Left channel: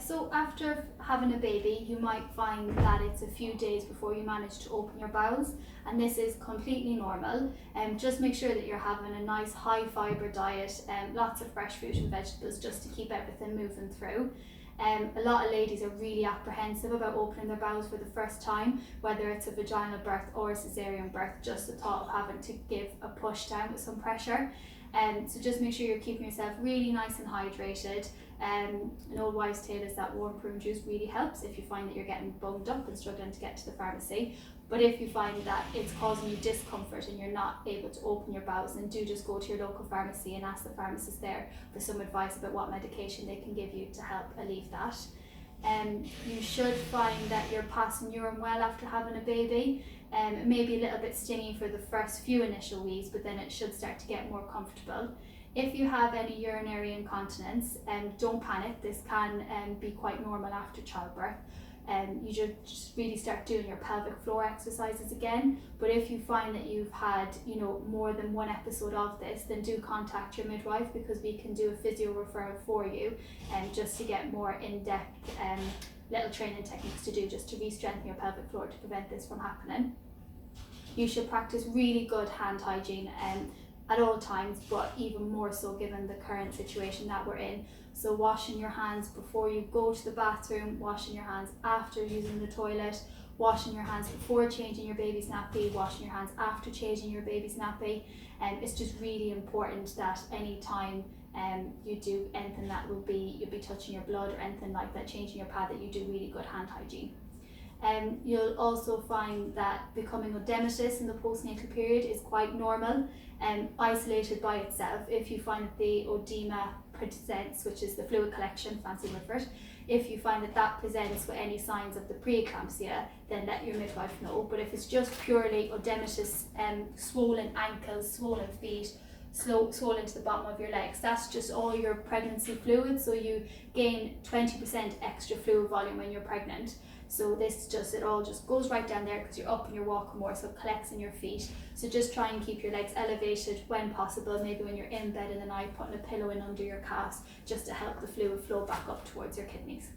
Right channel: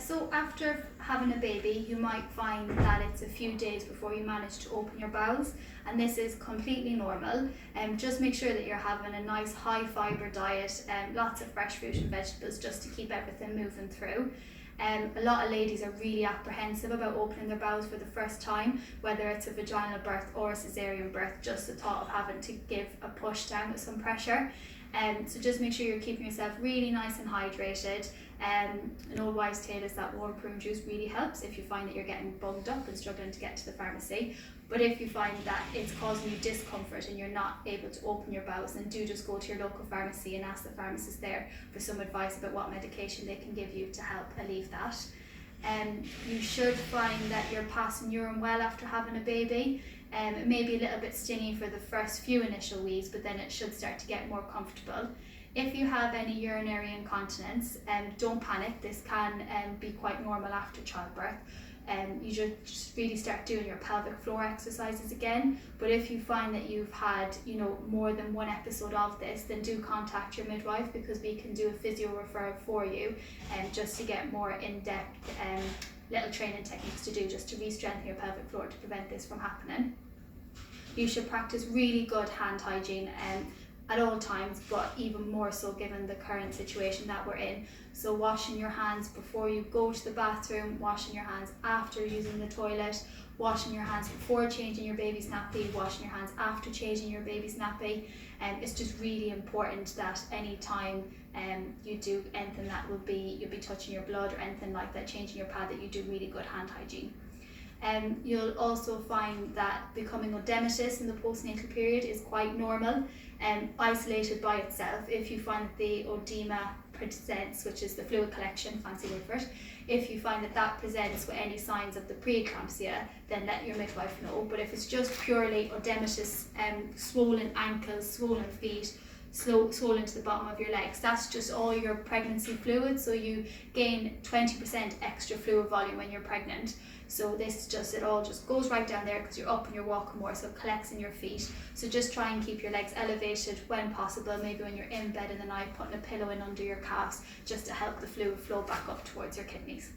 So after having a baby, you might find that it's a few days before you manage to open your bowels, and this is completely normal. Just make sure that you're having a nice high fibre diet and lots of fresh fruit and vegetables just to keep everything moving through. A lot of ladies are really apprehensive about opening their bowels for the first time, whether it's a vaginal birth or a caesarean birth, just the thought of having to give a push down with some pressure. So just make sure you're keeping yourself really nice and hydrated. An old wives' tale is that warm prune juice really helps if you find that you're getting bunged up and struggling to get to the pharmacy. But if you find that it's causing you discomfort and you're not able to open your bowels, then do just go to your local pharmacy and ask the pharmacist there for some advice about what medication they can give you to help alleviate that. You should find that you're passing urine well after having a baby. It may be a little bit stingy for the first few initial weeks, but then it should start to get more comfortable. If you have any urinary incontinence, don't panic. This can be quite normal after childbirth. You should just really start doing your pelvic floor exercises again. But if you find that you've had, more than one episode of this, then do contact your midwife, because we can do a physio referral for you, just to get more in-depth little training techniques to do just to re-strengthen your pelvic floor to prevent this from happening. You should practice really good hand hygiene at all times, but even more so given the current situation that we're in. So washing your hands before you go to the bathroom, washing your hands after using the toilet, washing your hands before changing your baby's nappy, washing your hands after changing your baby's nappy. It's just really important that any time you do anything that you'll be touching your blood or anything like that, changing your pad, that you do really good hand hygiene. You'll also find that becoming edematous in the postnatal period is quite normal and isolated by itself. If you find that the edema presents, which is the fluid collection, fancy word for it, if you find that presents with any signs of the preeclampsia, then let your midwife know. But if it's just purely edematous, swollen ankles, swollen feet, swollen to the bottom of your legs, that's just all your pregnancy fluid. So you gain 20% extra fluid volume when you're pregnant. So it all just goes right down there because you're up and you're walking more, so it collects in your feet. So just try and keep your legs elevated when possible. Maybe when you're in bed in the night, putting a pillow in under your calves just to help the fluid flow back up towards your kidneys.